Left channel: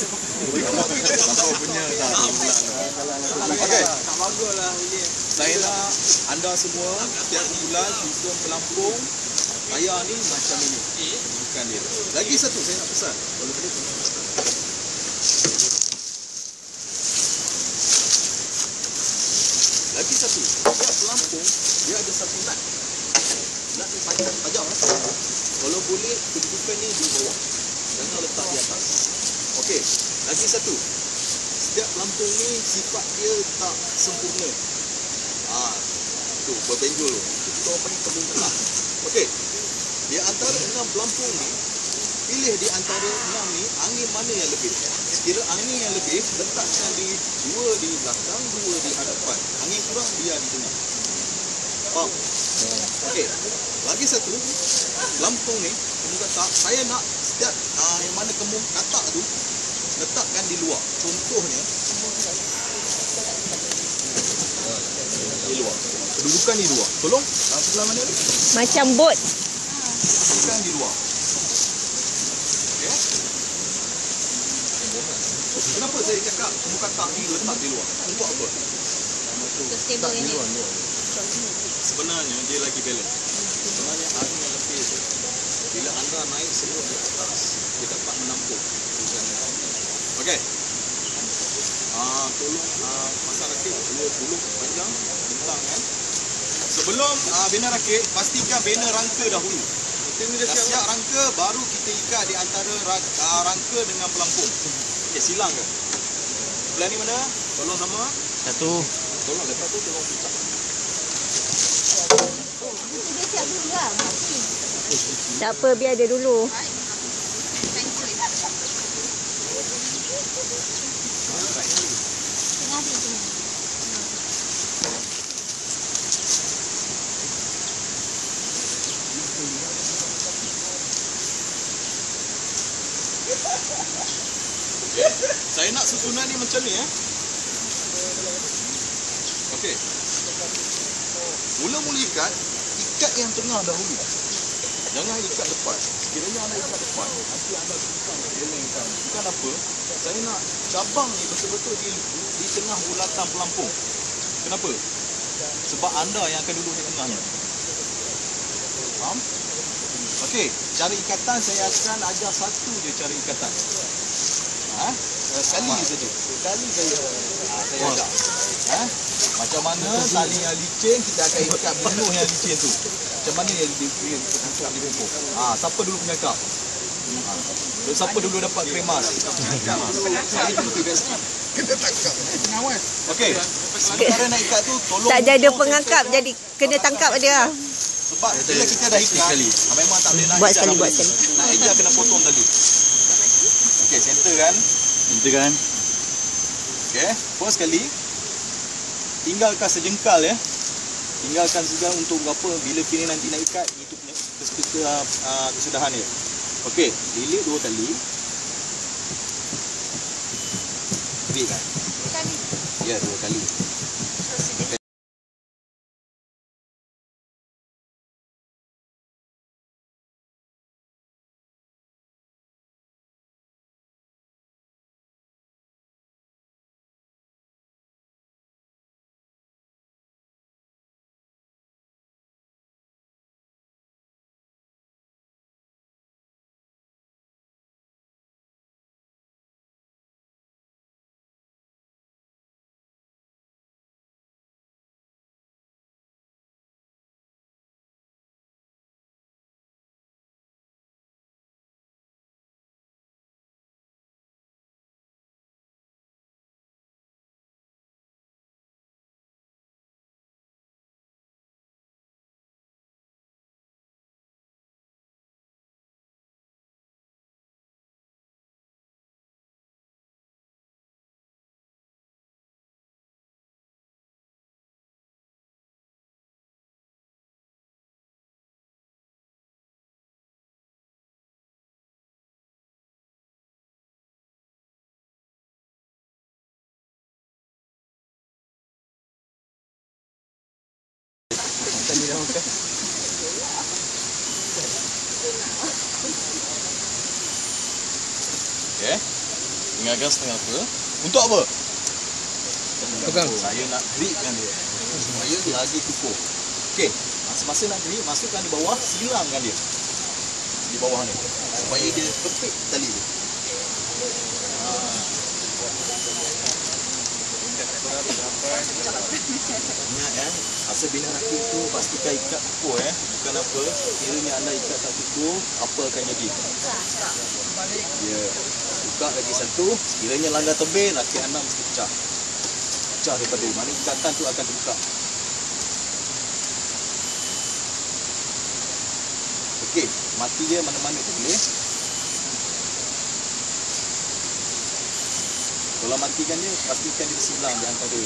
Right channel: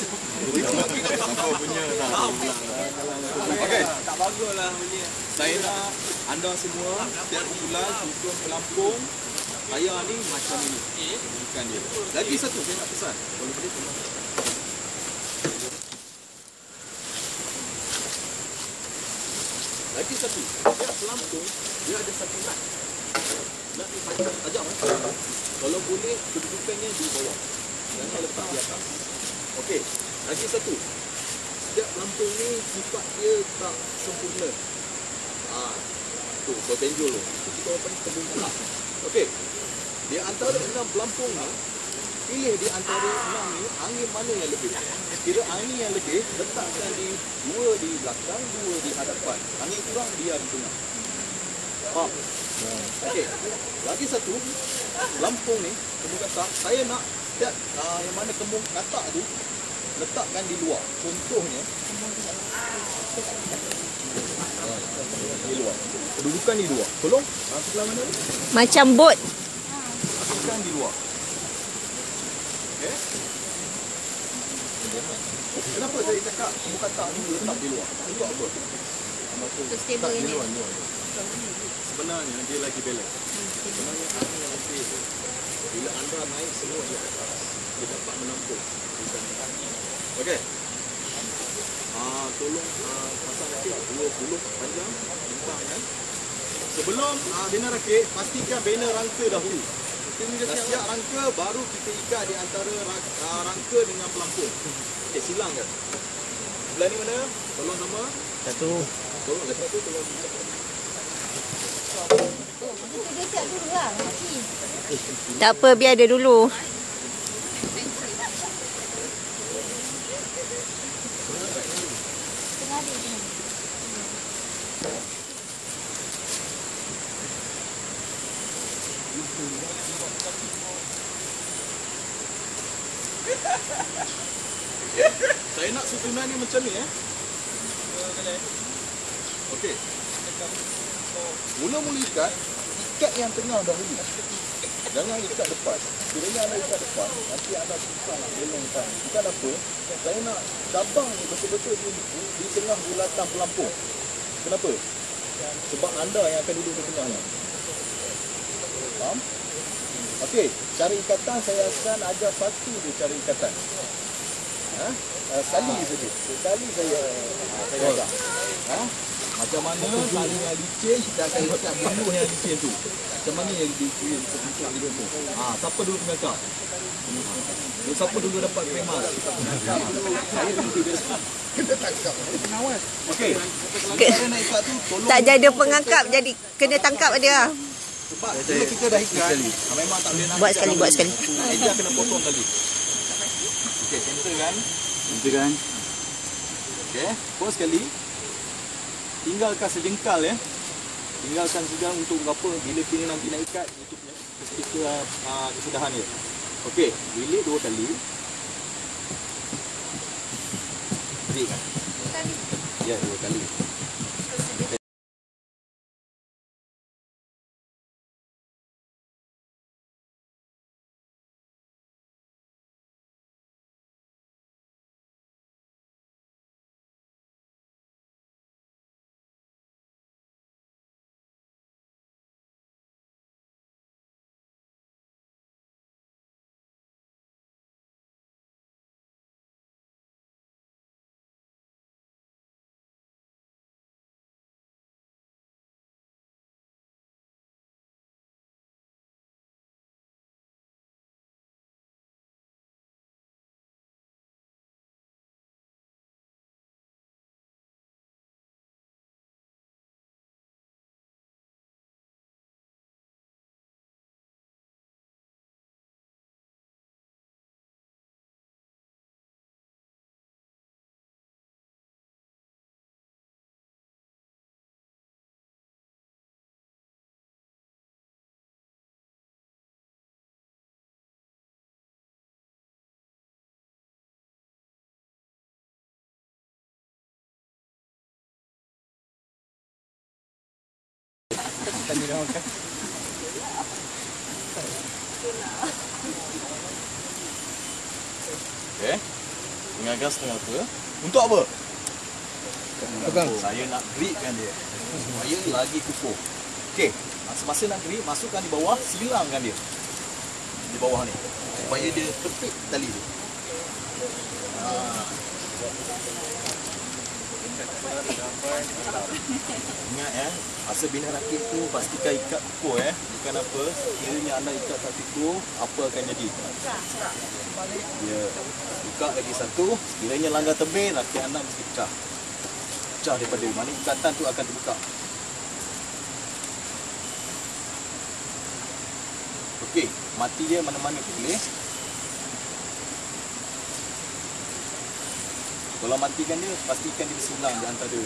Sampai punya dah 2 bulan dah. Okey. Tak baguslah bunyi. Saya nak anda semua setiap bulan susun pelampung raya ni macam ini. Bukan dia. Lagi satu saya nak pesan. Kalau boleh tolong pesan. Lagi satu. Setiap pelampung dia ada satu nut. Nut ni tajam Kalau boleh kedudukannya di bawah. Jangan letak di atas. Okey. Lagi satu. Setiap pelampung ni sifat dia tak sempurna. Tu berbenjol tu. Itu kita orang panggil kebun kelak. Okey. Di antara 6 pelampung ni, pilih di antara 6 ni angin mana yang lebih. Sekira angin yang lebih, letakkan di 2 di belakang, 2 di hadapan. Angin kurang, biar di tengah. Faham? Okey. Lagi satu, pelampung ni, kebun katak, saya nak setiap yang mana kebun katak tu, letakkan di luar. Contohnya, di luar. Kedudukan di luar. Tolong. Sebelah mana ni? Macam bot. Kedudukan di luar. Okay. Kenapa saya cakap kebun katak ni letak di luar? Untuk apa? Stable di luar. Sebenarnya dia lagi balance. Sebenarnya angin yang lebih tu, bila anda naik semua di atas, dia dapat menampung. Okey. Tolong pasang rakit 20 panjang bintang kan. Sebelum bina rakit, pastikan bina rangka dahulu. Dah siap rangka, baru kita ikat di antara rangka dengan pelampung. Okey, silang ke? Sebelah ni mana? Tolong sama. Satu. Tolong lepas tu tolong picak. Dia siap dulu lah. Tak apa, biar dia dulu. Saya nak susunan ni macam ni Okey. Mula-mula ikat yang tengah dahulu. Jangan ikat depan. Kiranya anda ikat depan, nanti anda susah nak gelengkan. Bukan apa, saya nak cabang ni betul-betul di tengah bulatan pelampung. Kenapa? Sebab anda yang akan duduk di tengahnya. Faham? Okey, cara ikatan saya akan ajar satu je cara ikatan. Sekali saja. Sekali saya ajar. Macam mana tali yang licin kita akan ikat bunuh yang licin tu. Macam mana yang diikat bunuh. Siapa dulu pengangkap? Siapa dulu dapat kremas? Saya dulu best. Kita tangkap. Okey. Cara nak ikat tu tolong tak jadi pengangkap, jadi kena tangkap dia. Sebab bila kita dah ikat, memang tak boleh nak buat ikat. buat sekali. Nak eja kena potong tadi. Okey, center kan? Center kan? Okey, first sekali tinggalkan sejengkal Tinggalkan sejengkal untuk apa? Bila kini nanti nak ikat, itu punya kesudahan dia. Okey, lilit 2 kali. Tarik kan? 2 kali. Ya, 2 kali. Okay. dengan gas setengah rata. Untuk apa? Pegang. Saya nak gripkan dia supaya lagi kukuh. Okey, masa-masa nak grip, masukkan di bawah, silangkan dia di bawah ni supaya dia kepit tali dia. Ingat ya, asal bina rakit tu pastikan ikat kukuh bukan apa. Kiranya anda ikat tak kukuh, apa akan jadi? Ya, buka lagi satu. Sekiranya langgar tebing, rakit anda mesti pecah. Pecah daripada mana ikatan tu akan terbuka. Okey, mati dia mana-mana tu boleh. Kalau matikan dia, pastikan dia bersilang di antara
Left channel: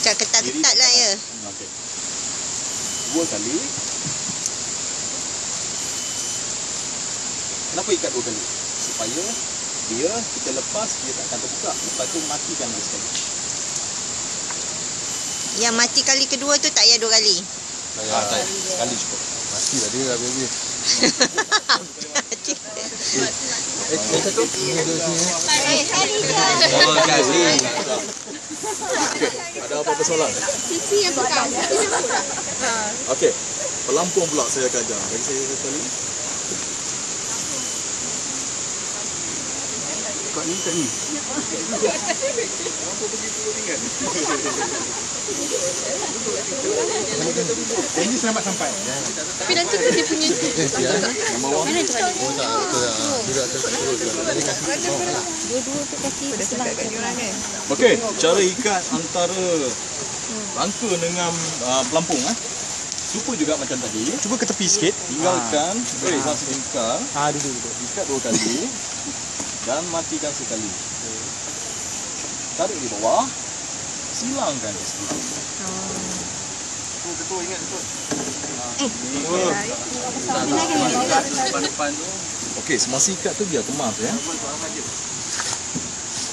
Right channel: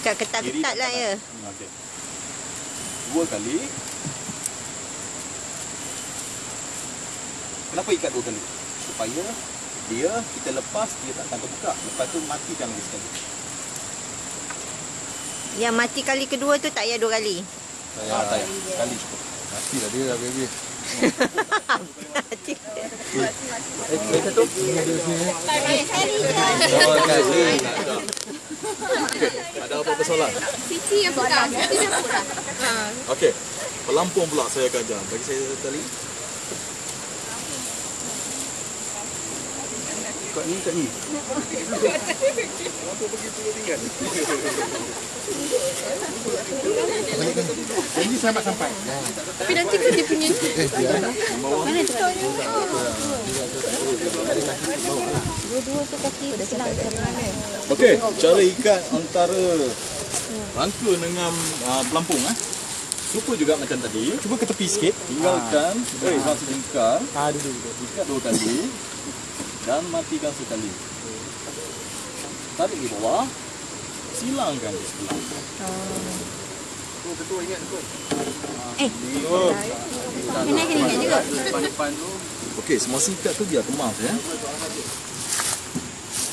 Cak ketat-ketat lah ya. Okey. 2 kali. Kenapa ikat 2 kali? Supaya dia kita lepas dia tak akan terbuka. Lepas tu matikan lagi sekali. Yang mati kali kedua tu tak payah 2 kali. Tak payah. Sekali cukup. Mati lah dia habis-habis. Satu. Ada apa-apa soalan? Siti yang pegang. Okey. Pelampung pula saya akan ajar. Bagi saya sekali. Kau ni tak ni. Pelampung begitu ringan. Ini selamat sampai. Tapi nanti ke dia punya Yang bawah. dua-dua tu kaki silang. Okey, cara ikat antara rangka dengan pelampung Super juga macam tadi. Cuba ke tepi sikit. Tinggalkan. Masuk lingkar. Duduk. Ikat 2 kali. Dan matikan sekali. Tarik di bawah. Silangkan di sebelah. Betul, ingat betul. Depan tu. Okey, semua ikat tu biar kemas ya.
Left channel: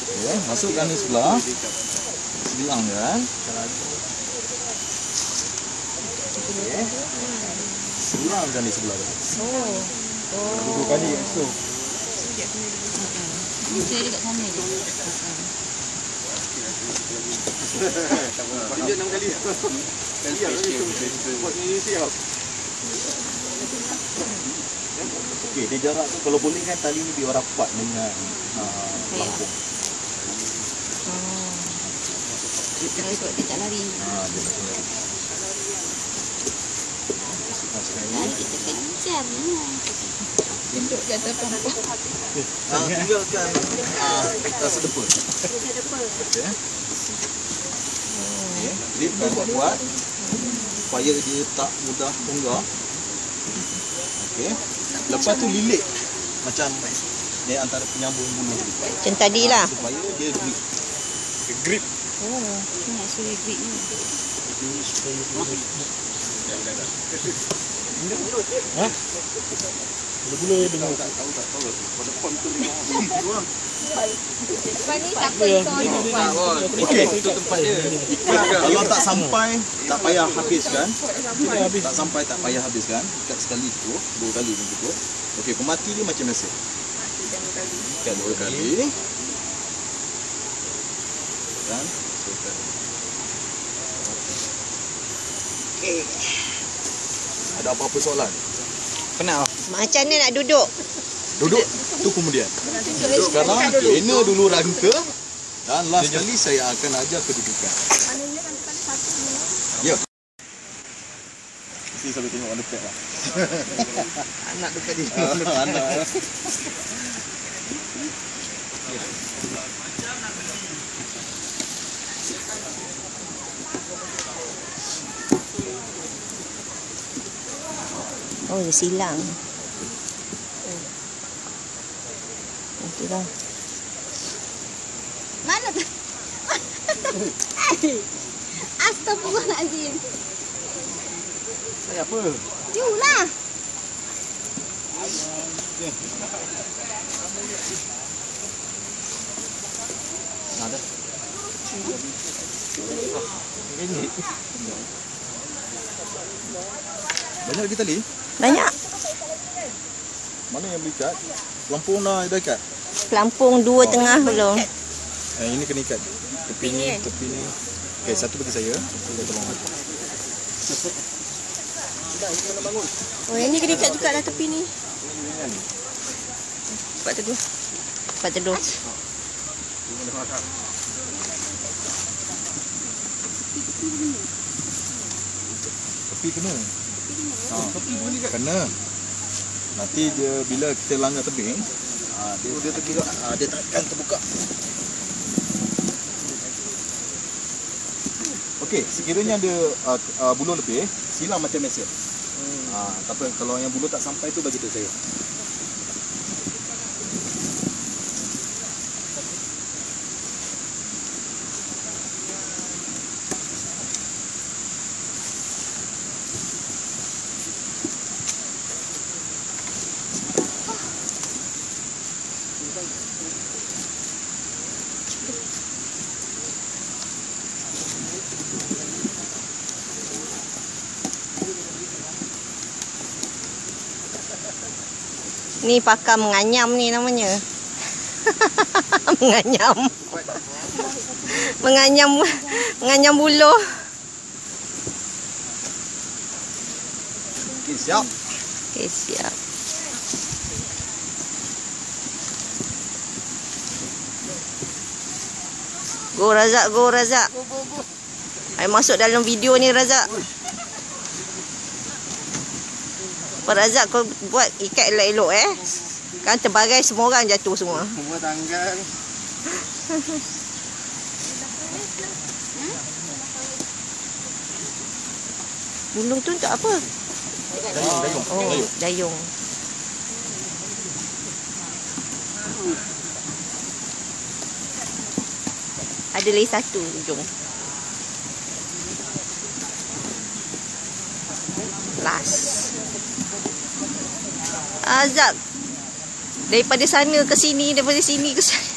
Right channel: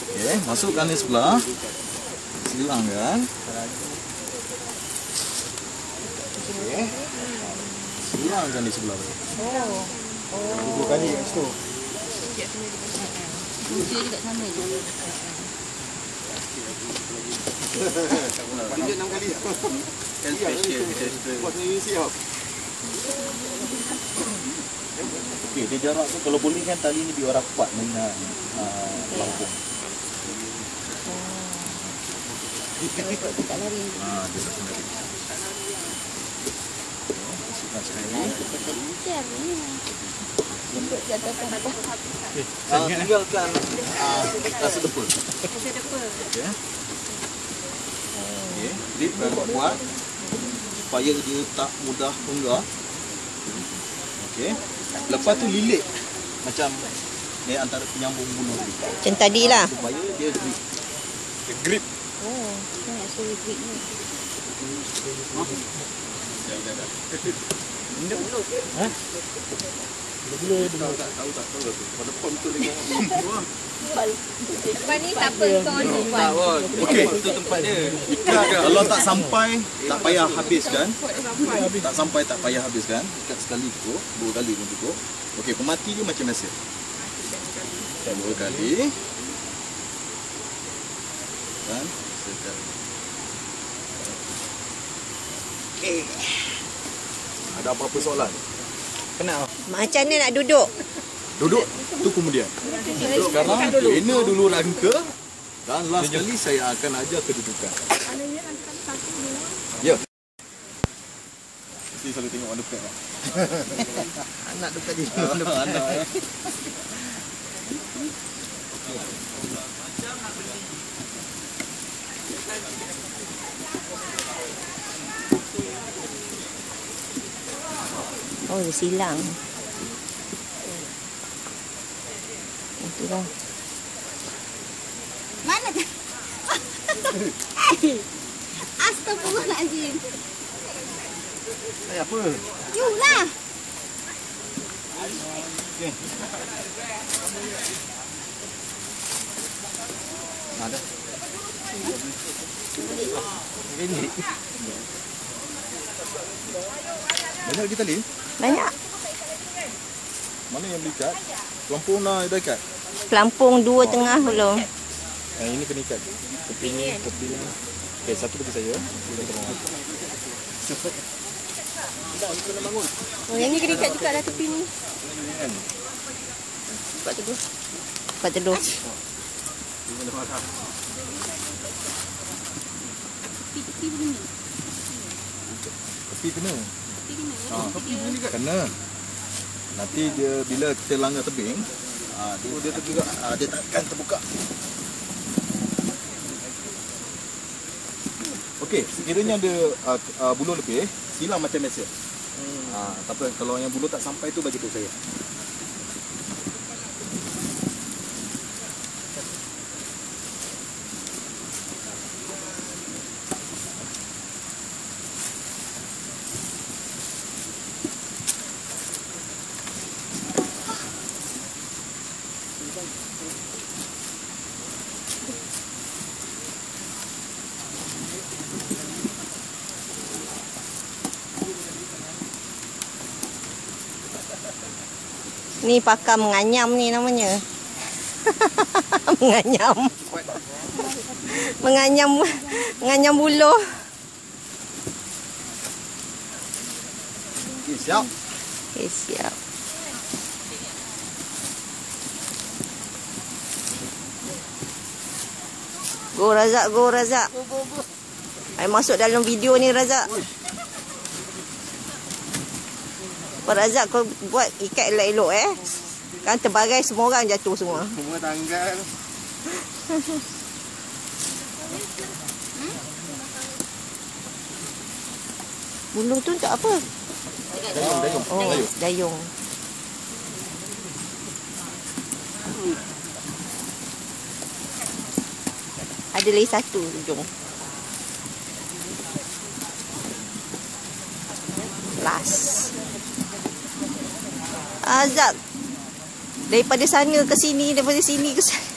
Okey, masukkan di sebelah. Silangkan. Okey. Silangkan di sebelah tu. 2 kali kat situ. Tunjuk 6 kali. Kali ya. Siap. Okey, dia jarak tu kalau boleh kan tali ni biar rapat dengan pelampung. Dia tak lari. Dia tak lari. Masukkan sekali. Tinggalkan sedepa. Okey. Gripkan kuat supaya dia tak mudah tunggak. Okey. Lepas tu lilit macam ni antara penyambung bulu tadi. Macam tadi lah. Supaya dia grip. Nak suruh grip ni. Lepas ni tak apa hitung je. Okey. Kalau tak sampai tak payah habiskan. Tak sampai tak payah habiskan. Ikat sekali cukup, 2 kali pun cukup. Okey, pemati dia macam biasa. Ikat 2 kali. Dan sekali. Okey. Ada apa-apa soalan? Penat. Macam mana nak duduk? Duduk tu kemudian. Sekarang bina dulu rangka dan last kali saya akan ajar kedudukan. Ya. Mesti selalu tengok underpack lah. Anak dekat dia. Anak ya. Oh, dia silang. Itulah. Mana tu? Astagfirullahaladzim. Apa? You lah. Ada. Banyak lagi tali? Banyak. Mana yang berikat? Pelampung dah ikat? Pelampung 2 tengah belum. Ini kena ikat tepi ni, tepi ni. Okey, satu bagi saya. Oh, yang ni kena ikat juga lah tepi ni. Kuat teduh. Kuat teduh. Tepi kena. Tepi bunyi kan? Kena. Nanti dia bila kita langgar tebing, dia terbuka, dia takkan terbuka. Okey, sekiranya ada buluh lebih, silang macam biasa. Tak apa, kalau yang buluh tak sampai tu bagi tahu saya. Ni pakar menganyam ni namanya. Menganyam. Menganyam buluh. Okey, siap. Okey, siap. Go Razak, go Razak. Ayo masuk dalam video ni Razak. Pak Razak, kau buat ikat elok-elok Kan terbagai semua orang jatuh semua. Semua tanggal. Buluh tu untuk apa? Dayung. Oh, dayung. Ada lagi satu ujung. Last. Azab. Daripada sana ke sini, daripada sini ke sana.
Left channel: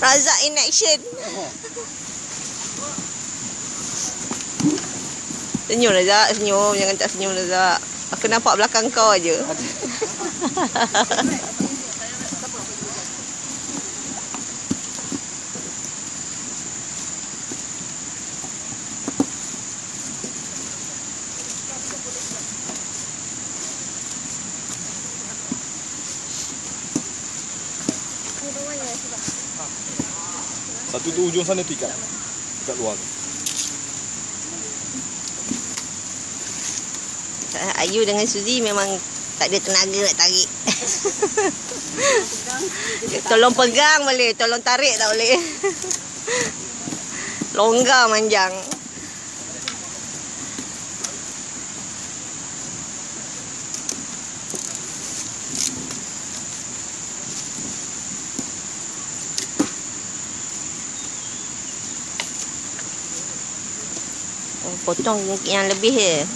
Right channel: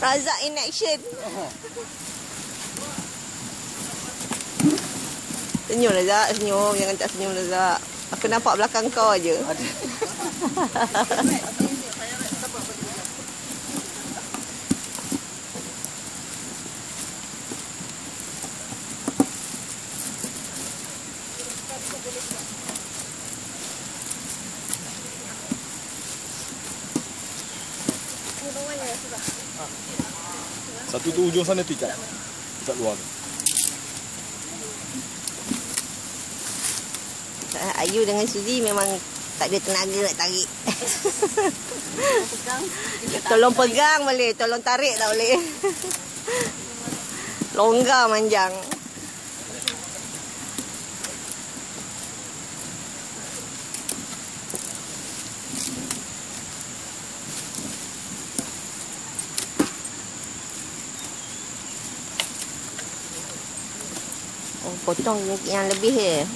Razak in action. Senyum Razak, senyum. Jangan tak senyum Razak. Aku nampak belakang kau aja. Satu tu ujung sana tu ikat. Ikat luar. Ayu dengan Suzy memang tak ada tenaga nak tarik. Tolong pegang boleh, tolong tarik tak boleh. Longgar manjang. Oh, potong yang lebih je.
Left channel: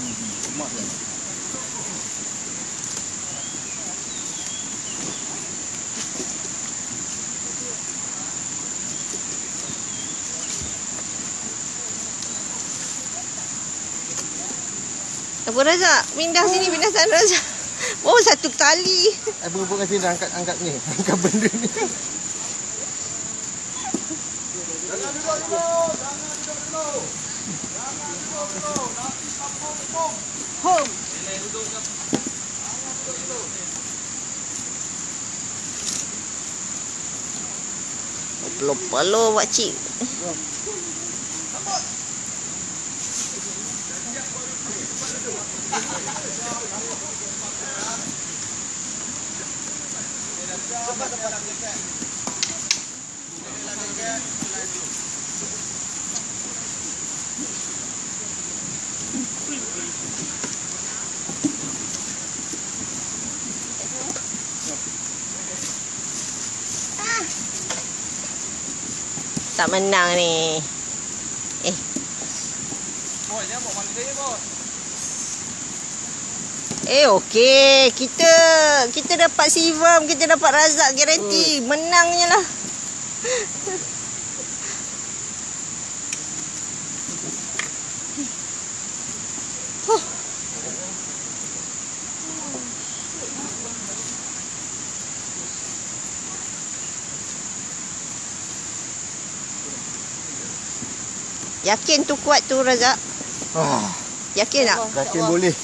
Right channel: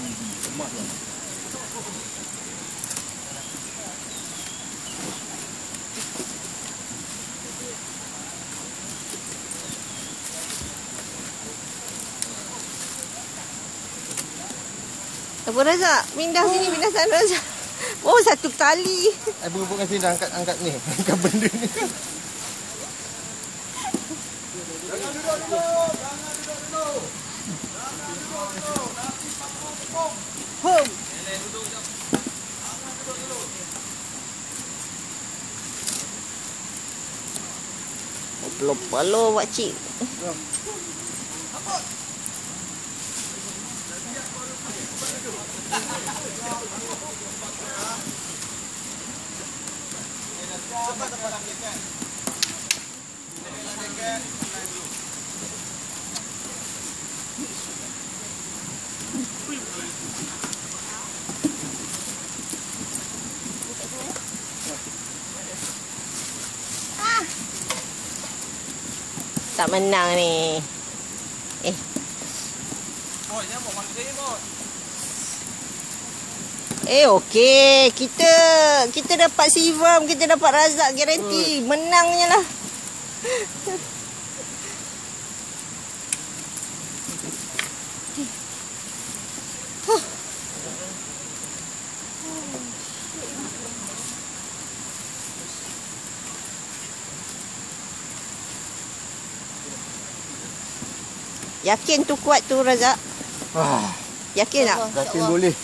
Apa Razak? Pindah sini, pindah sana Razak. Oh, satu kali. Bukan sini dah angkat ni. Angkat benda ni. Home. Pelo-pelo pakcik. Tak menang ni. Okey. Kita dapat Sivam, kita dapat Razak garanti. Menangnya lah. Yakin tu kuat tu Razak? Yakin tak? Yakin boleh.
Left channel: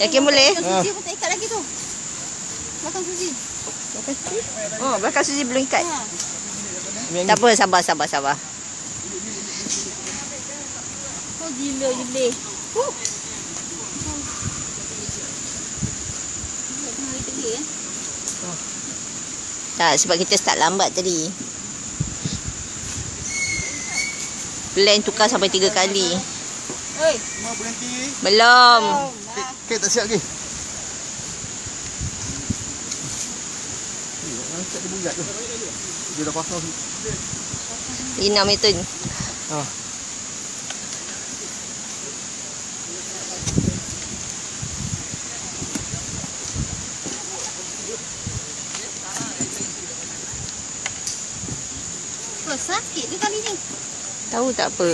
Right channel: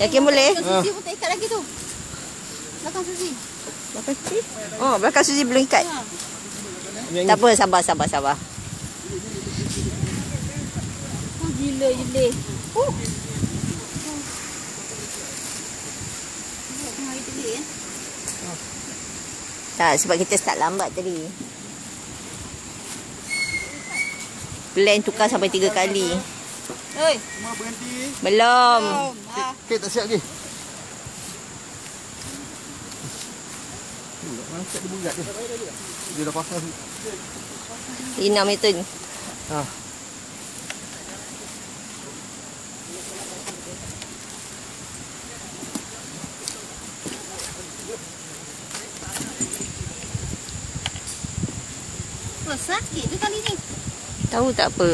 Yakin boleh? Susi pun tak ikat lagi tu. Belakang Susi. Oh, belakang Suzy belum ikat. Ha. Tak apa, sabar. Oh gila je. Tak, sebab kita start lambat tadi. Plan tukar sampai 3 kali. Oi. Semua berhenti. Belum. Okey, tak siap lagi. Angkat dia bulat tu. Dia dah pasang. Inam itu. Oh, sakit ke kali ni? Tahu tak apa.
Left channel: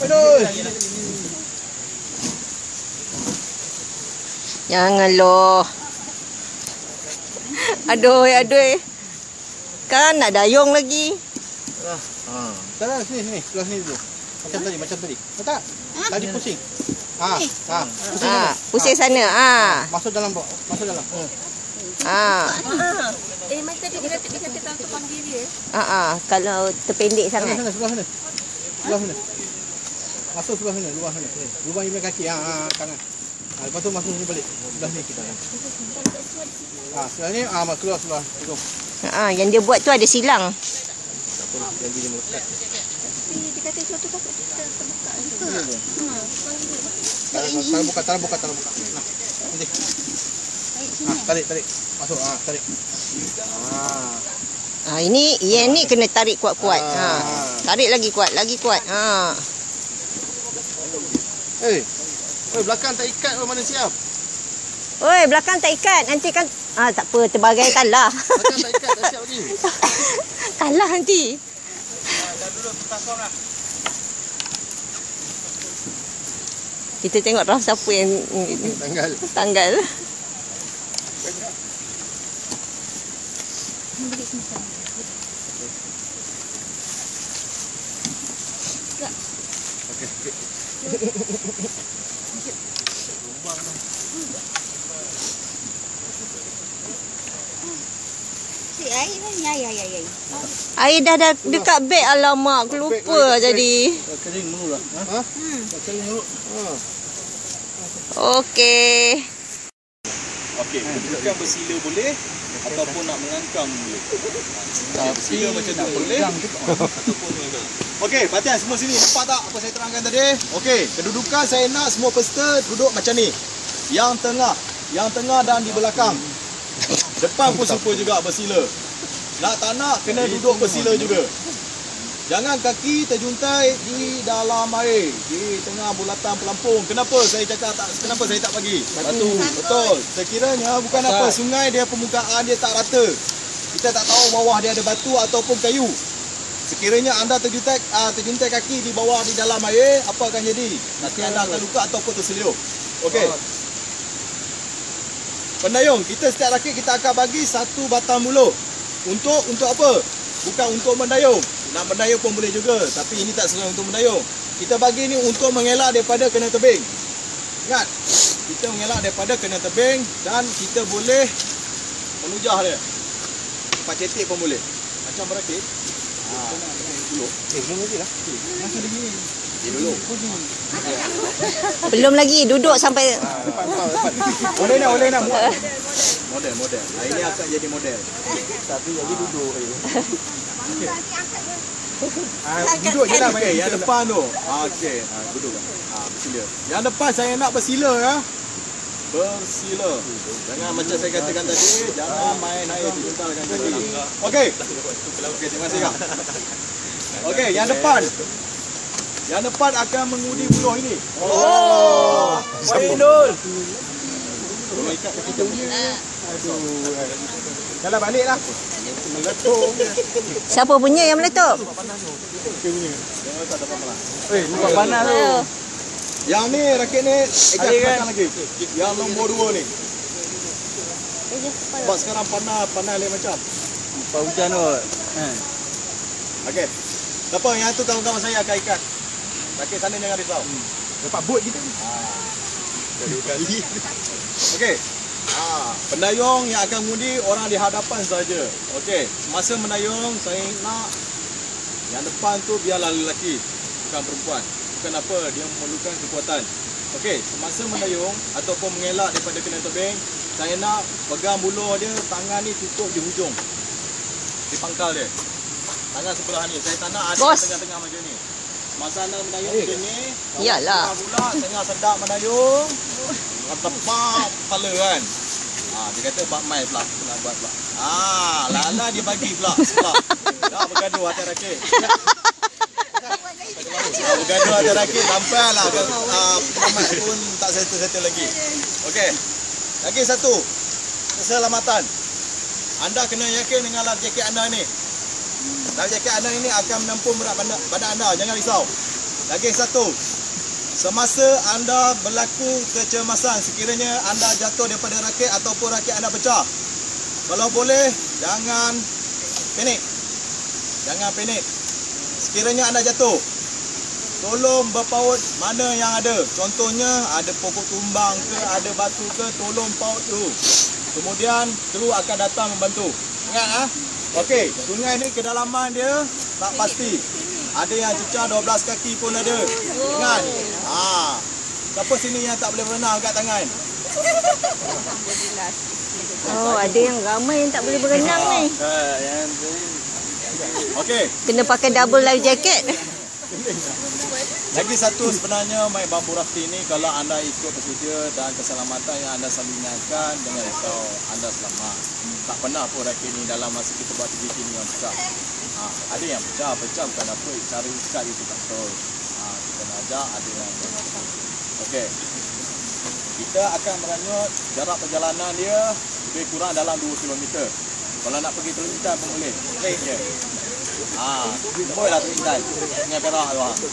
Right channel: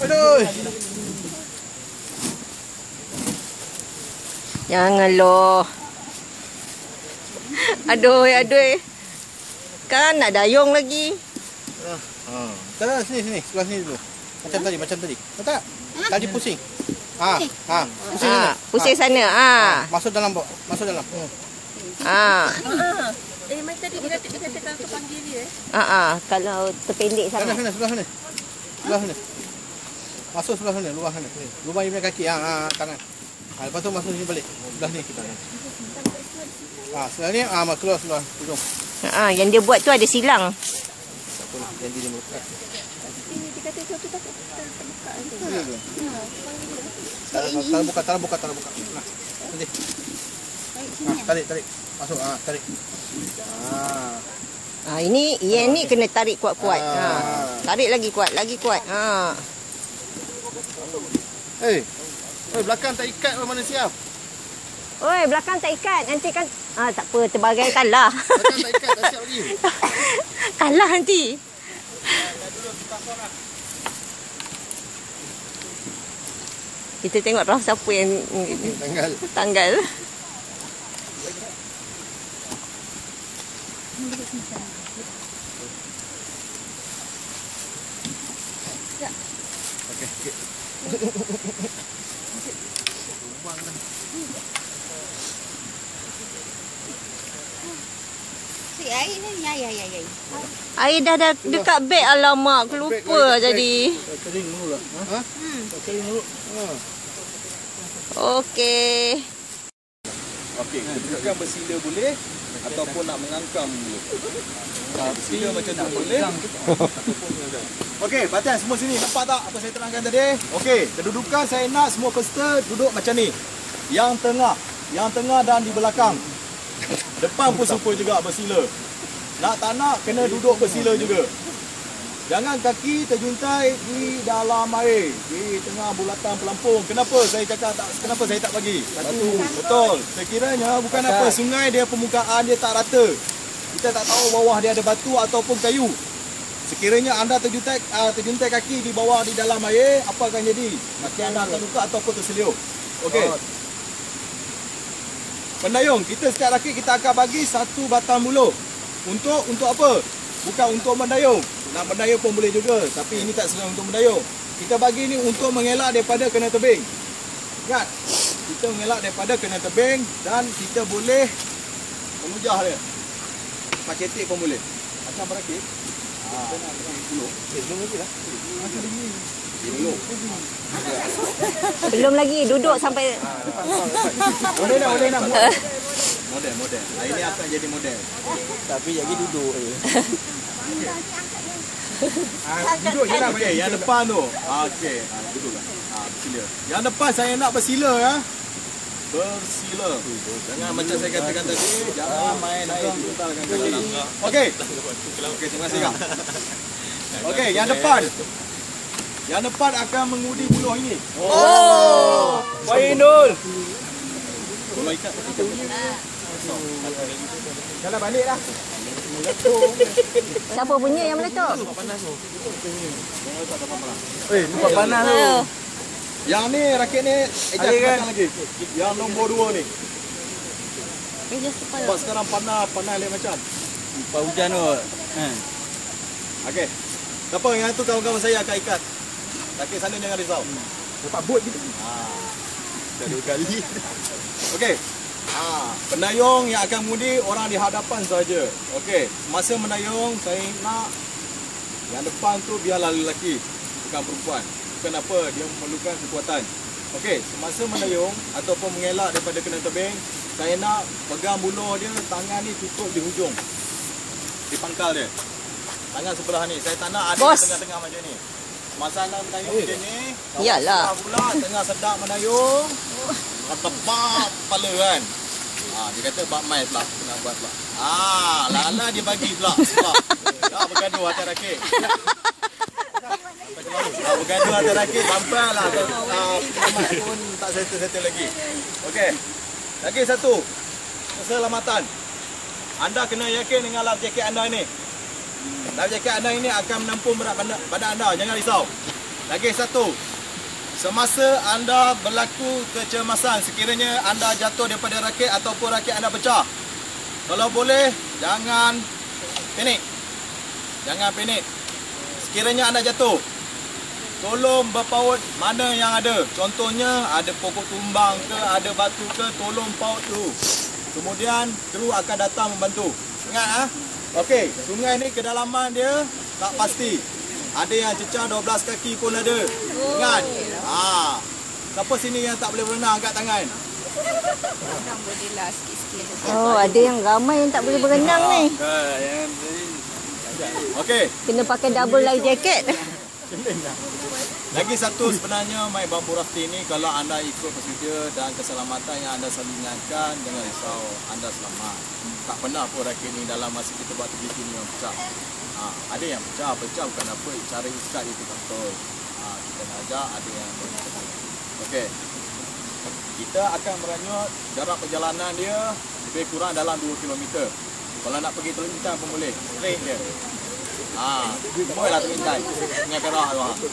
Aduh. Jangan loh. Aduh. Kan nak dayung lagi. Tak, sini, sebelah sini tu. Macam tadi. Tahu tak? Tadi pusing. Pusing sana. Masuk dalam. Mas tadi dia kata kalau tu panggil dia. Kalau terpendek sangat. Sebelah sana. Masuk sebelah sana, luar sana. Lubang ibu kaki, tangan. Lepas tu masuk sini balik. Sebelah sini kita. Sebelah ni, masuk keluar. Hidung. Yang dia buat tu ada silang. Tak apa, janji dia melekat. Dia kata suatu kakak terbuka ni. Tak buka. Nah, nanti. Tarik. Masuk, tarik. Ini yang ni kena tarik kuat-kuat. Tarik lagi kuat. Belakang tak ikat mana siap? Oi, belakang tak ikat. Nanti kan tak apa, terbagai kalah. Belakang tak ikat, tak siap lagi. Kalah nanti. Kita tengok roh siapa yang tanggal. Air ni, ya. Air dah dekat beg. Alamak, aku lupa jadi. Kering dulu lah. Kering dulu. Okey. Okey, kedudukan bersila boleh ataupun nak mengangkam boleh. Bersila macam tu boleh ataupun mengangkam. Okey, perhatian semua sini. Nampak tak apa saya terangkan tadi? Okey, kedudukan saya nak semua peserta duduk macam ni. Yang tengah dan di belakang. Depan pun serupa juga bersila. Nak tak nak kena duduk bersila juga. Jangan kaki terjuntai di dalam air, di tengah bulatan pelampung. Kenapa saya cakap kenapa saya tak bagi? Betul. Sekiranya bukan apa, sungai dia permukaan dia tak rata. Kita tak tahu bawah dia ada batu ataupun kayu. Sekiranya anda terjuntai kaki di bawah di dalam air, apa akan jadi? Nanti anda akan luka ataupun terseliup. Okey. Pendayung, kita setiap rakit kita akan bagi satu batang buluh. Untuk apa? Bukan untuk mendayung. Nak mendayung pun boleh juga, tapi ini tak sesuai untuk mendayung. Kita bagi ini untuk mengelak daripada kena tebing. Ingat, kita mengelak daripada kena tebing dan kita boleh menujah dia. Tempat cetek pun boleh. Macam berakit. Buluh. Belum lagi lah. Dulu. Belum lagi, duduk sampai. Boleh nak. Model. Ini akan jadi model. Tapi jadi duduk. Duduk je lah. Okey, yang depan tu. Okey, duduklah. Bersila. Yang depan saya nak bersila ya. Bersila. Jangan macam saya katakan tadi, jangan main air dibentarkan tadi. Okey. Terima kasih lah. Okey, yang depan. Yang depan akan mengundi buluh ini. Ainul. Tolong ikat kita. Jalan balik lah. Siapa punya yang meletup? Jangan tak dapat malas. Bukan panas tu. Yang ni rakit ni, belakang lagi. Yang nombor 2 ni. Sebab sekarang panas lain macam. Lepas hujan tu. Okey. Tak apa, yang tu kawan-kawan saya akan ikat. Kaki sana jangan risau. Dapat bot kita. Kali. Okey. Pendayung yang akan mengundi orang di hadapan saja. Okey. Semasa menayung saya nak yang depan tu biarlah lelaki, bukan perempuan. Kenapa? Dia memerlukan kekuatan. Okey, semasa menayung ataupun mengelak daripada kena tebing, saya nak pegang buluh dia, tangan ni tutup di hujung. Di pangkal dia. Tangan sebelah ni. Saya tak nak ada Bos. tengah-tengah macam ni. Masa anda menayung macam ni, Iyalah. pula tengah sedap menayung, tepak kepala kan. Dia kata bak mai pula, nak buat pula. Lala dia bagi pula sebab. Dah bergaduh hati rakit. Bergaduh hati rakit sampailah Muhammad pun tak settle lagi. Okey. Lagi satu. Keselamatan. Anda kena yakin dengan life jacket anda ni. Life jacket anda ini akan menampung berat badan anda, jangan risau. Lagi satu. Semasa anda berlaku kecemasan, sekiranya anda jatuh daripada rakit ataupun rakit anda pecah, kalau boleh jangan panik. Jangan panik. Sekiranya anda jatuh, tolong berpaut mana yang ada. Contohnya ada pokok tumbang ke, ada batu ke, tolong paut dulu. Kemudian kru akan datang membantu. Ingat okey, sungai ni kedalaman dia tak pasti. Ada yang cecah 12 kaki pun ada. Ingat. Siapa sini yang tak boleh berenang angkat tangan? Oh, ada yang ramai yang tak boleh berenang ni. Okey. Kena pakai double life jacket. Lagi satu sebenarnya main bambu rafting ni, kalau anda ikut prosedur dan keselamatan yang anda selalu ingatkan, jangan risau, anda selamat. Tak pernah pun rakit ni dalam masa kita buat aktiviti ni yang pecah. Ada yang pecah bukan apa, cara ikat itu tak betul. Kita nak ajak ada yang okey. Kita akan meranyut jarak perjalanan dia lebih kurang dalam 2 km. Kalau nak pergi Teluk Intan pun boleh, straight je. Bolehlah Teluk Intan dengan Perak tu.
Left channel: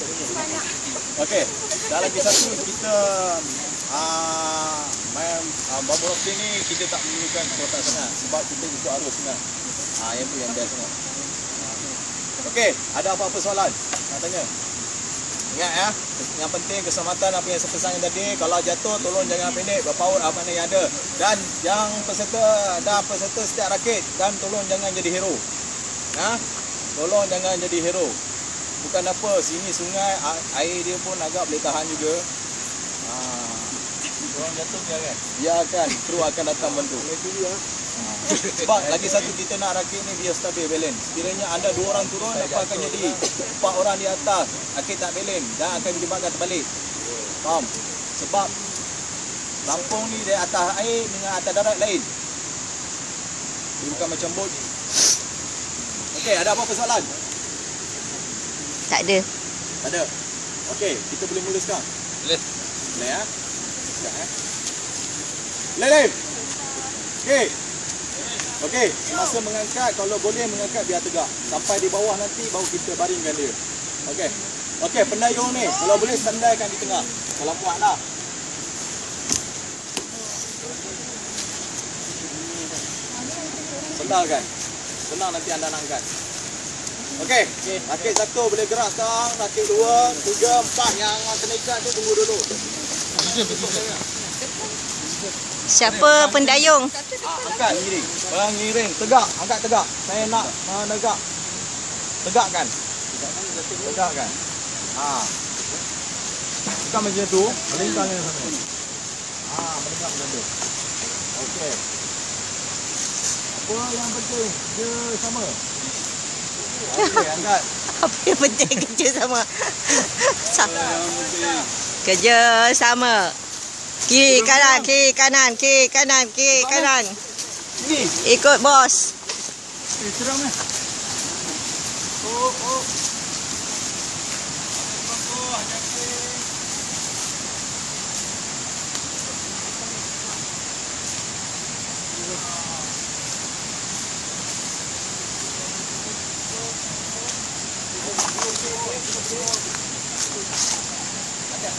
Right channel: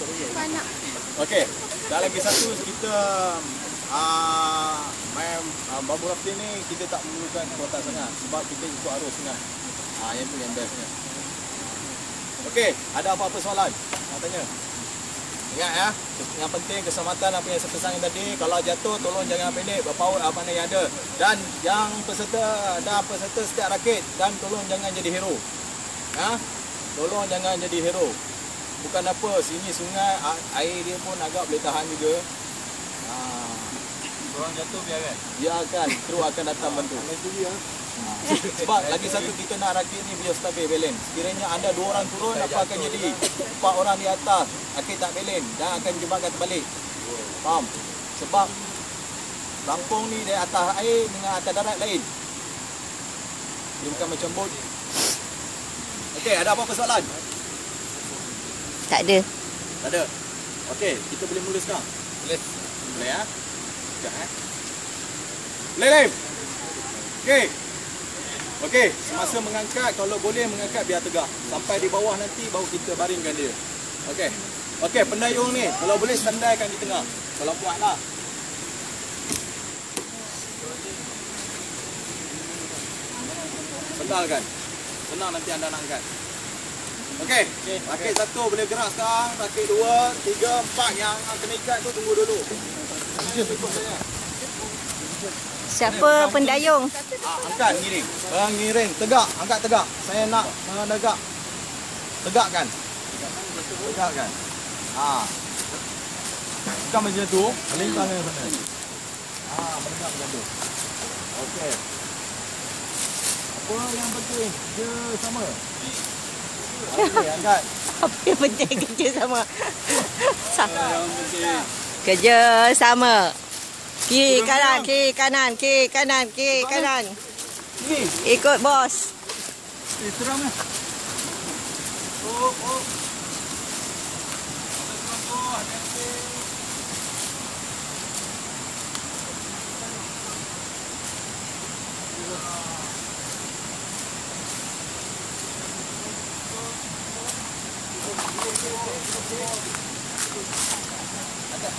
Okey, dan lagi satu kita main bambu rafting ni kita tak memerlukan kekuatan sangat sebab kita ikut arus sungai. Yang tu yang best sangat. Okey, ada apa-apa soalan nak tanya? Ingat ya, yang penting keselamatan apa yang saya pesankan tadi. Kalau jatuh tolong jangan panik, berpaut apa mana yang ada. Dan yang peserta setiap rakit, dan tolong jangan jadi hero. Tolong jangan jadi hero. Bukan apa, sini sungai air dia pun agak boleh tahan juga. Orang jatuh biarkan. Biarkan, kru akan datang bantu. Sebab lagi satu kita nak rakit ni biar stabil balance. Sekiranya anda 2 orang turun, apa akan jadi? 4 orang di atas, rakit tak balance dan akan menyebabkan terbalik. Faham? Sebab lampung ni dari atas air dengan atas darat lain. Dia bukan macam bot. Okey, ada apa-apa soalan? Tak ada. Tak ada. Okey, kita boleh mula sekarang. Boleh. Boleh ya? Sekejap Boleh. Okey. Okey, semasa mengangkat, kalau boleh mengangkat biar tegak. Sampai di bawah nanti baru kita baringkan dia. Okey. Okey, pendayung ni kalau boleh sandaikan di tengah. Kalau muatlah. Sandalkan. Senang nanti anda nak angkat. Okey. Rakit 1 boleh gerak sekarang. Rakit 2, 3, 4 yang kena ikat tu tunggu dulu. Tutup saya. Siapa pendayung? Angkat ngiring. Ngiring tegak, angkat tegak. Saya nak menegak. Tegakkan. Tegakkan. Bukan macam tu, melintang yang sana. Menegak macam tu. Okey. Apa yang penting? Dia sama. Okey, angkat. Apa yang penting kerja sama? Kerja sama. Kiri kanan, kiri kanan, kiri kanan, kiri kanan. Ikut bos. Seram ya. Oh. Okay.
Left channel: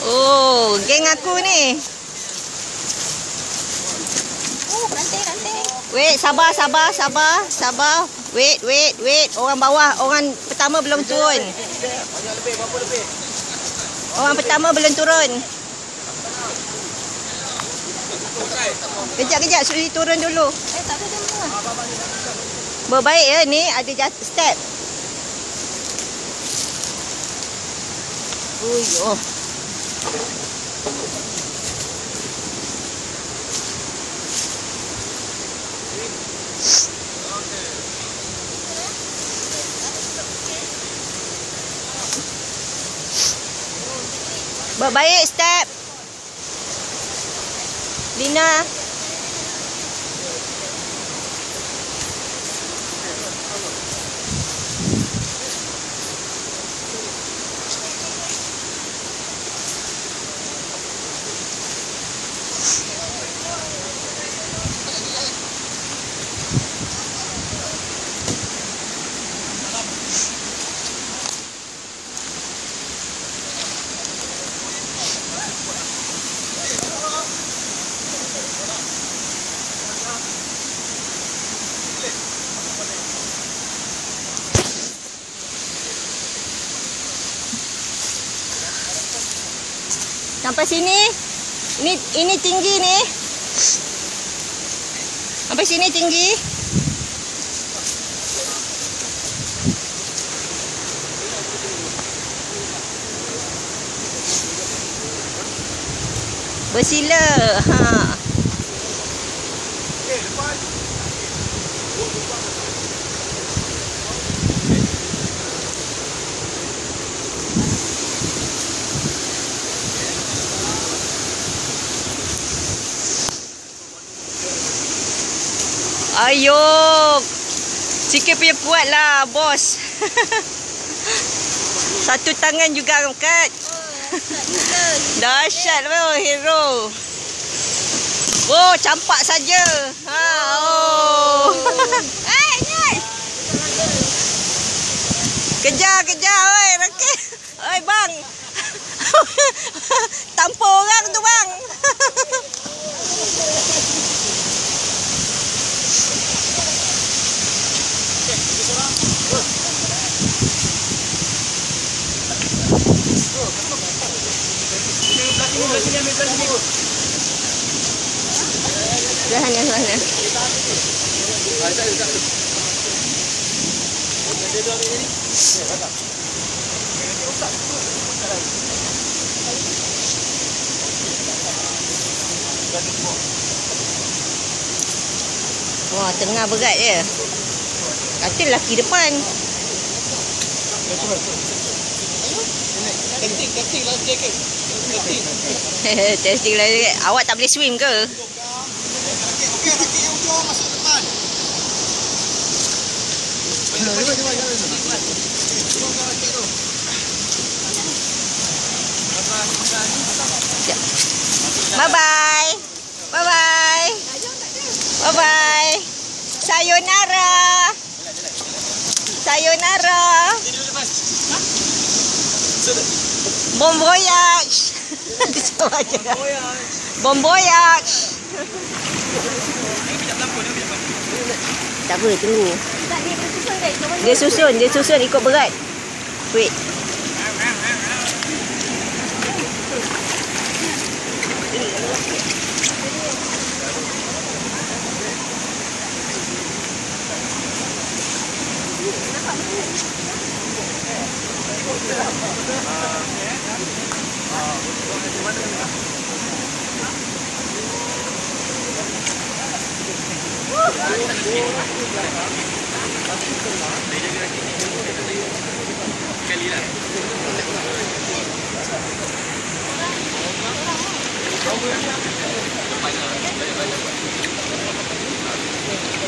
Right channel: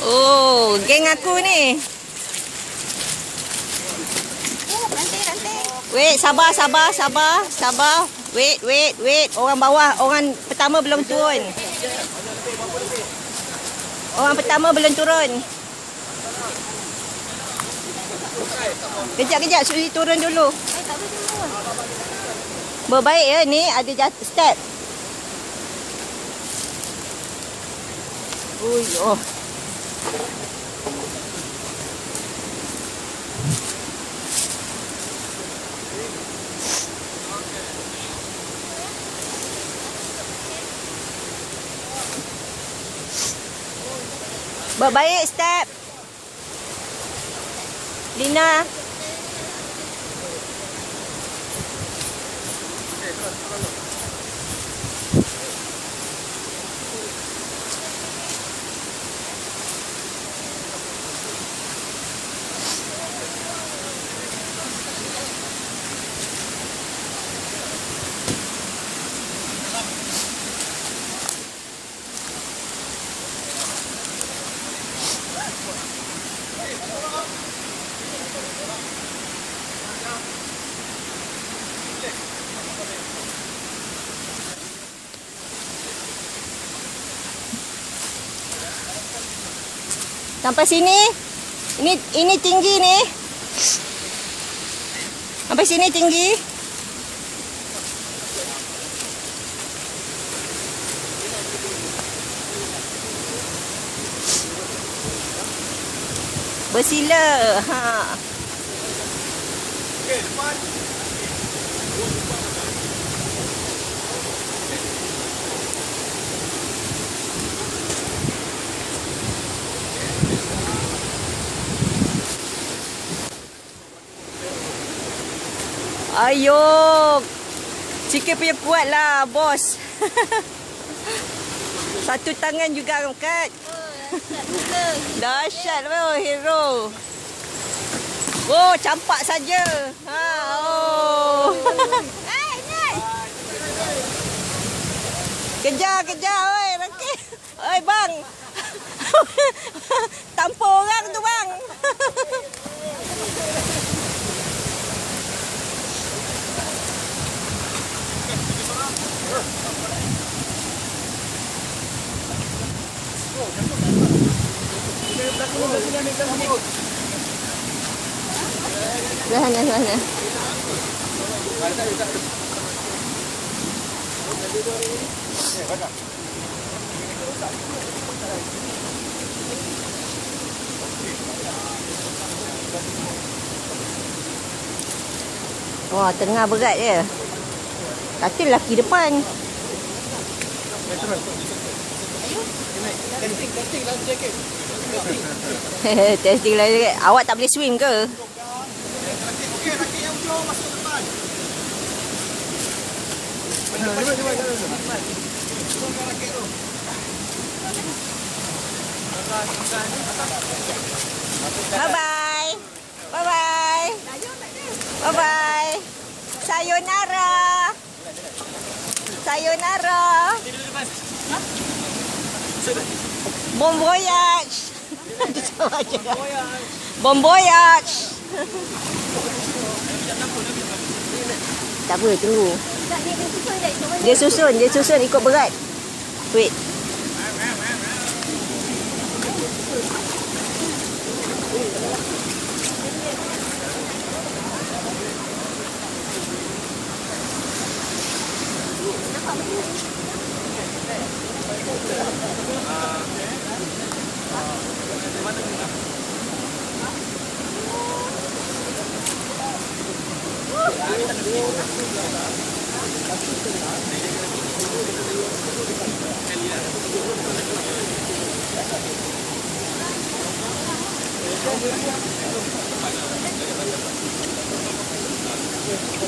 Oh, geng aku ni. Ranting. Wait, sabar. Wait. Orang bawah, orang pertama belum turun. Kejap, Suri turun dulu. Tak ada dengar. Berbaik ya ni, ada step. Ui, oh. Berbaik step. Lina. Sampai sini. Ini tinggi ni. Sampai sini tinggi. Bersila. Ha. Okey, depan. Ayo. Sikit punya kuat lah, bos. Satu tangan juga angkat. Dahsyat oh, hero. Oh, campak saja. Ha, oh. Kejar, oi, Rakit. Oi, bang. Tampar orang tu, bang. Belah sana. Wah, tengah berat je. Kata lelaki depan. Testing lah jaket. Testing lah jaket. Awak tak boleh swim ke? Rakit yang ujung masuk depan. Bye-bye. Sayonara. Bon voyage. Bon voyage. Tak apa, tunggu. Dia susun ikut berat. Wait.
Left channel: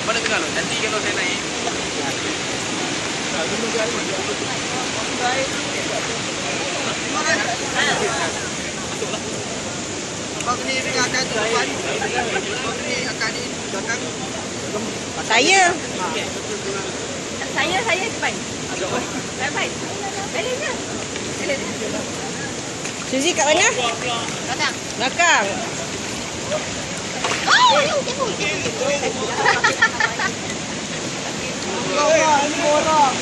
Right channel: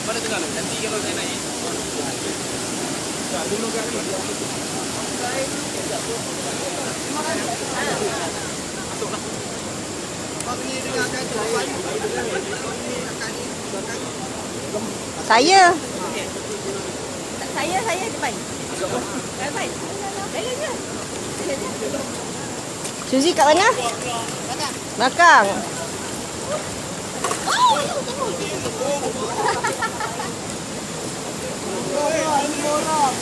Mana tengah lo? Nanti kalau saya naik. Abang ni dengan akak tu depan. Abang ni akak ni belakang. Saya. Saya depan. Depan. Balik je. Suzy kat mana? Belakang. Belakang. Oh, tengok. Ini orang.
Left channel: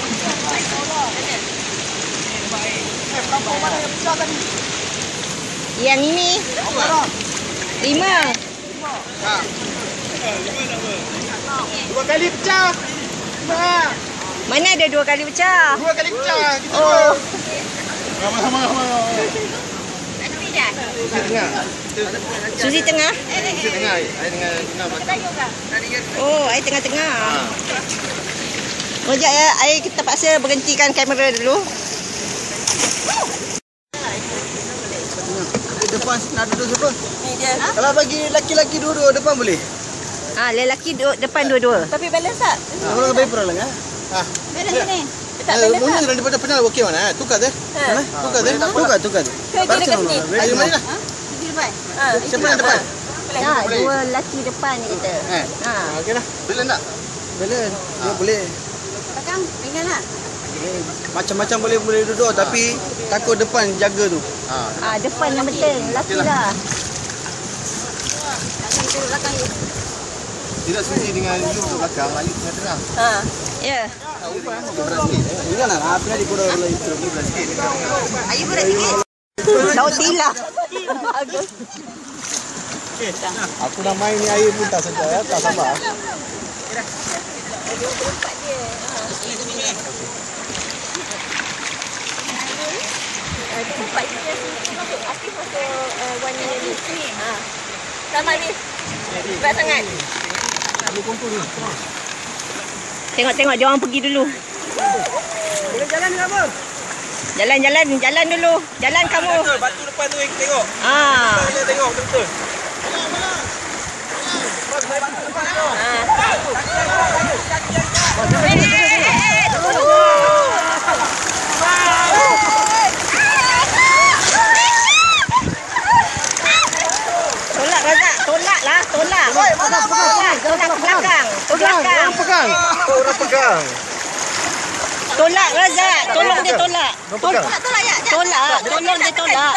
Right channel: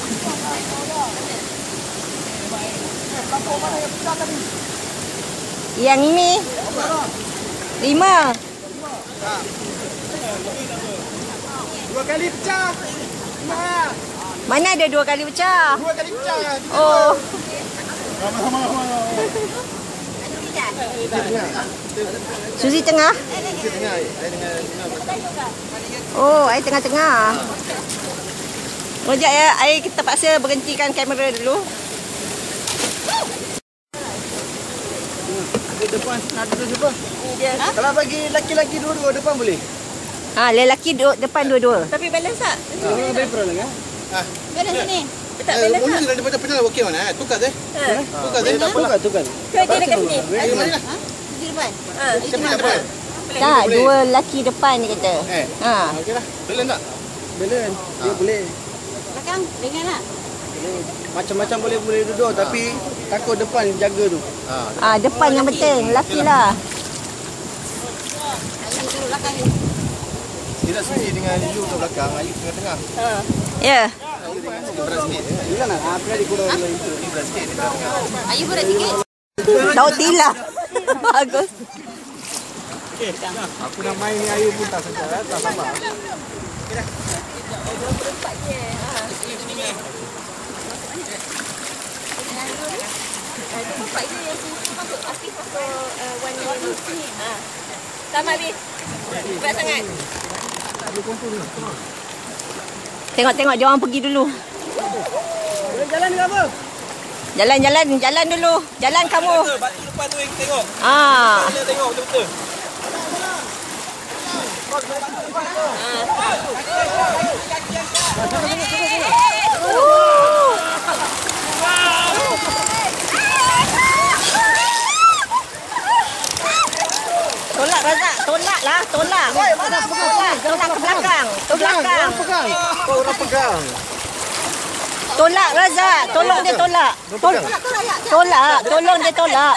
Pelampung mana yang pecah tadi? Yang ini. 5. Dua kali pecah. Mana ada 2 kali pecah? 2 kali pecah. Oh. Sama-sama. Suzy tengah. Tengah. Saya dengan Gina belakang. Oh, air tengah-tengah. Sekejap ya, air kita paksa berhentikan kamera dulu. Depan nak duduk siapa? Kalau bagi lelaki-lelaki dua-dua depan boleh? Lelaki duduk depan dua-dua. Tapi balance tak? Orang boleh perang kan? Balance ni. Tak balance tak? Mungkin daripada penal okey mana? Tukar deh. Tukar deh. Tukar. Ke dia dekat sini? Ayo mari lah. Di depan. Siapa yang depan? Tak, 2 lelaki depan dia kata. Okey dah. Boleh tak? Boleh. Dia boleh. Belakang dengan lah. Macam-macam boleh duduk tapi takut depan jaga tu. Depan yang penting, lelaki lah. Duduk belakang you. Tidak Suzy dengan Yu duduk belakang, Ayu tengah-tengah. Ya. Bukan nak apa dia kurang lagi tu. Ayu berat sikit. Tahu tilah. Bagus. Aku nak main ni air pun tak sedar, tak sabar. Tempat itu yang masuk aktif masuk warna ni. Sama ni. Berat sangat. Tengok dia orang pergi dulu. Jalan apa? Jalan dulu. Jalan kamu. Batu depan tu yang tengok. Boleh tengok betul-betul. Tolak Razak, tolak lah, tolak. Tolak ke belakang. Orang pegang. Tolak Razak, tolong dia tolak. Tolak ya. Tolong dia tolak.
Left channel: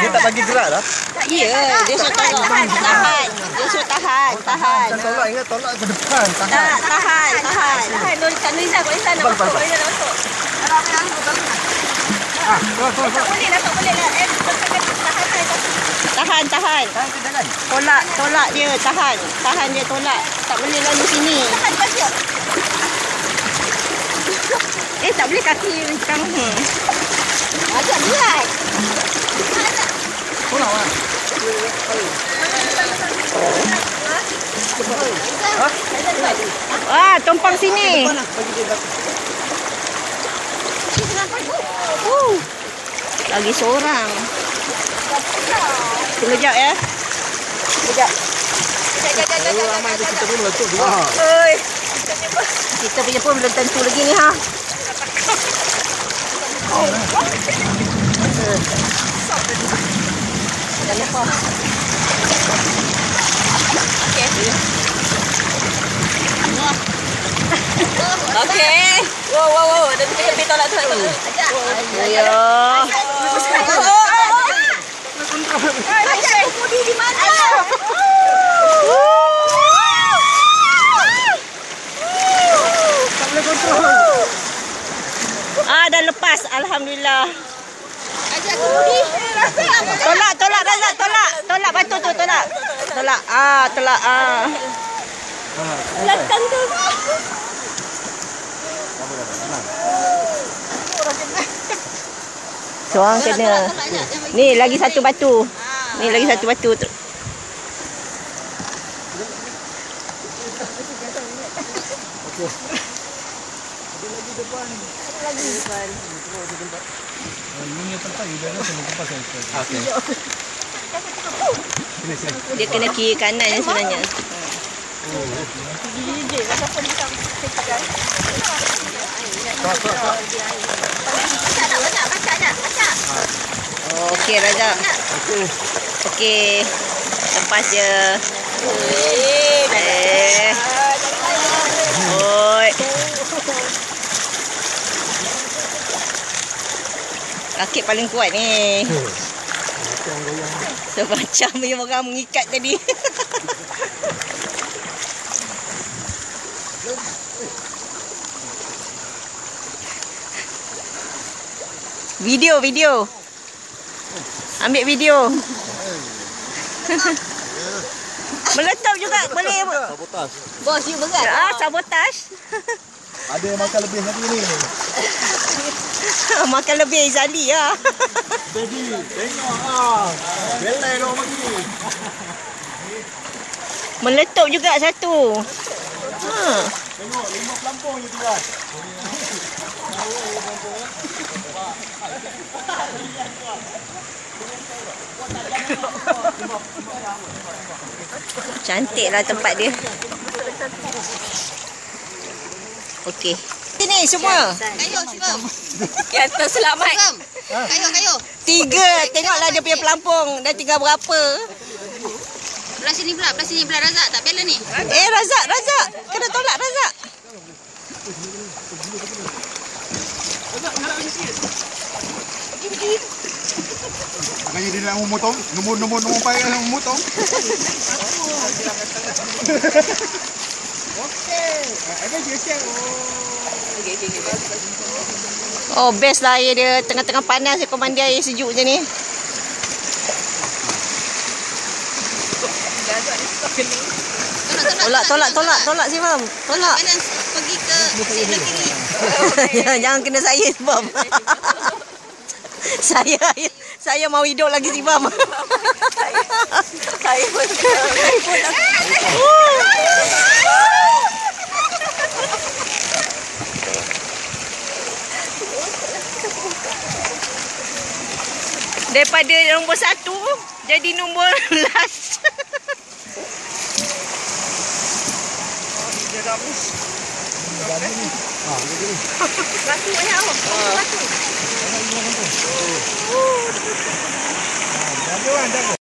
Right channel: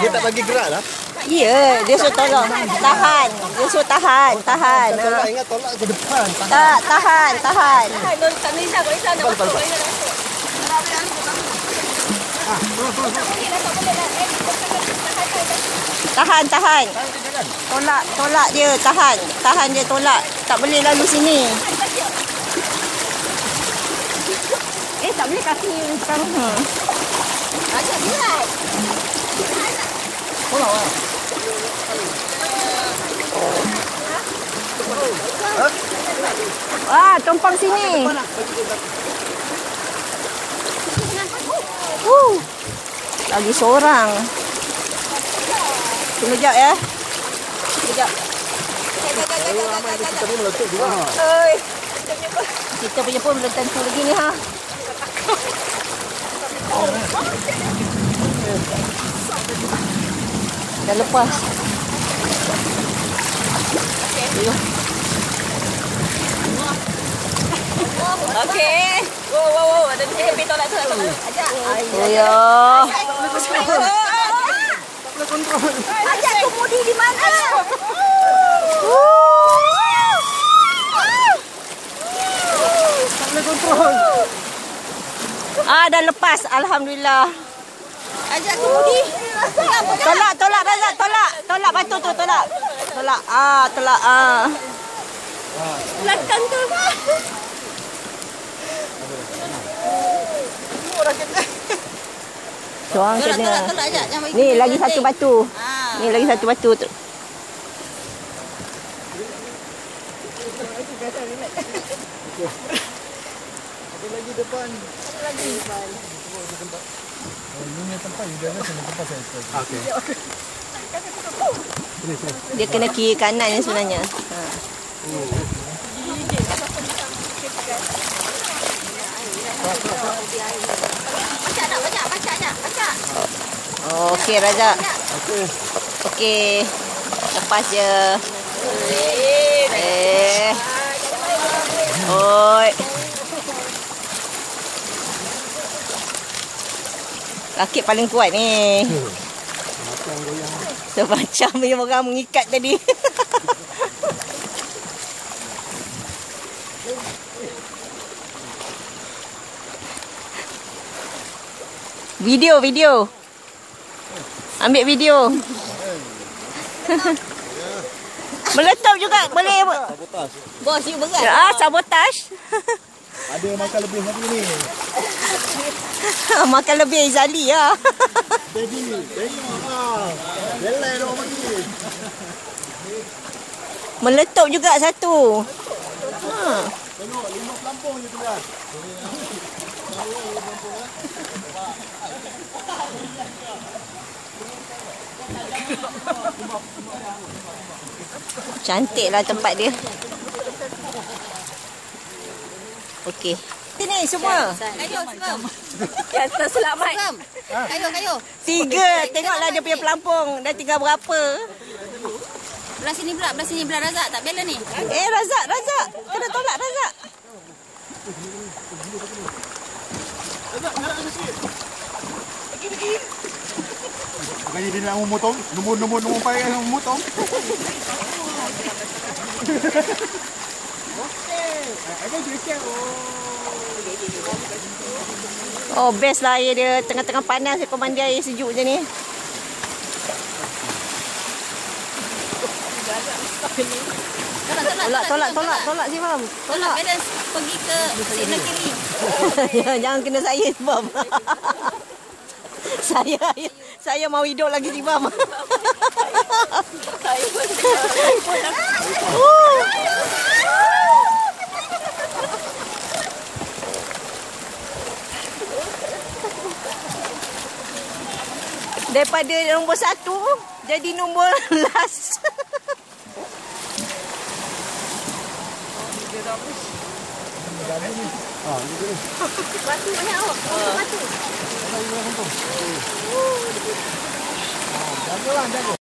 Dia tak bagi gerak dah. Ya, dia suruh tolong. Tahan. Dia suruh tahan. Tolak, ingat tolak ke depan. Tahan. Hai, Kak Nuriza, Kak Nuriza nak masuk. Boleh nak masuk. Boleh lah. Tahan. Tolak dia, tahan dia tolak. Tak boleh lalu sini. Tak boleh kaki sekarang. Macam berat. Tumpang sini. Lagi seorang. Tunggu sekejap ya. Sekejap. Oi. Kita punya pun belum tentu lagi ni ha. Jangan lupa. Okey. Wow. Ada lebih tolak tu. Ajak. Ayo. Ajak kemudi di mana? Tak boleh kontrol. Dah lepas, alhamdulillah. Ajak kemudi. Tolak Razak, tolak batu tu, tolak. Tolak. Belakang tu. Seorang kena. Ni lagi satu batu. Dia kena kiri kanan ni sebenarnya. Okey Razak. Okey. Lepas je. Oi. Rakit paling kuat ni. Semacam yang orang mengikat tadi. Video. Ambil video. Meletup juga boleh. Sabotaj. Bos, you berat. Sabotaj. Ada yang makan lebih hari ni. Makan lebih Izali lah. Baby, tengok ah. Belai dah bagi. Meletup juga satu. Tengok 5 pelampung je tuan. Cantiklah tempat dia. Okey. Sini semua. Kayu semua. Kata selamat. Kayu. 3. Tengoklah dia punya pelampung. Dah tinggal berapa. Belah sini pula Razak tak bela ni. Razak. Kena tolak Razak. Maknanya dia nak memotong. Nombor payah nak memotong. Okey. Ada je Oh, best lah air dia. Tengah-tengah panas dia kau mandi air sejuk je ni. Tolak si Mam. Tolak. Balance pergi ke sebelah kiri. Jangan kena saya si Mam. Saya mau hidup lagi si Mam. Saya pun. Daripada nombor 1 jadi nombor last. Batu banyak awak. Batu. Jaga.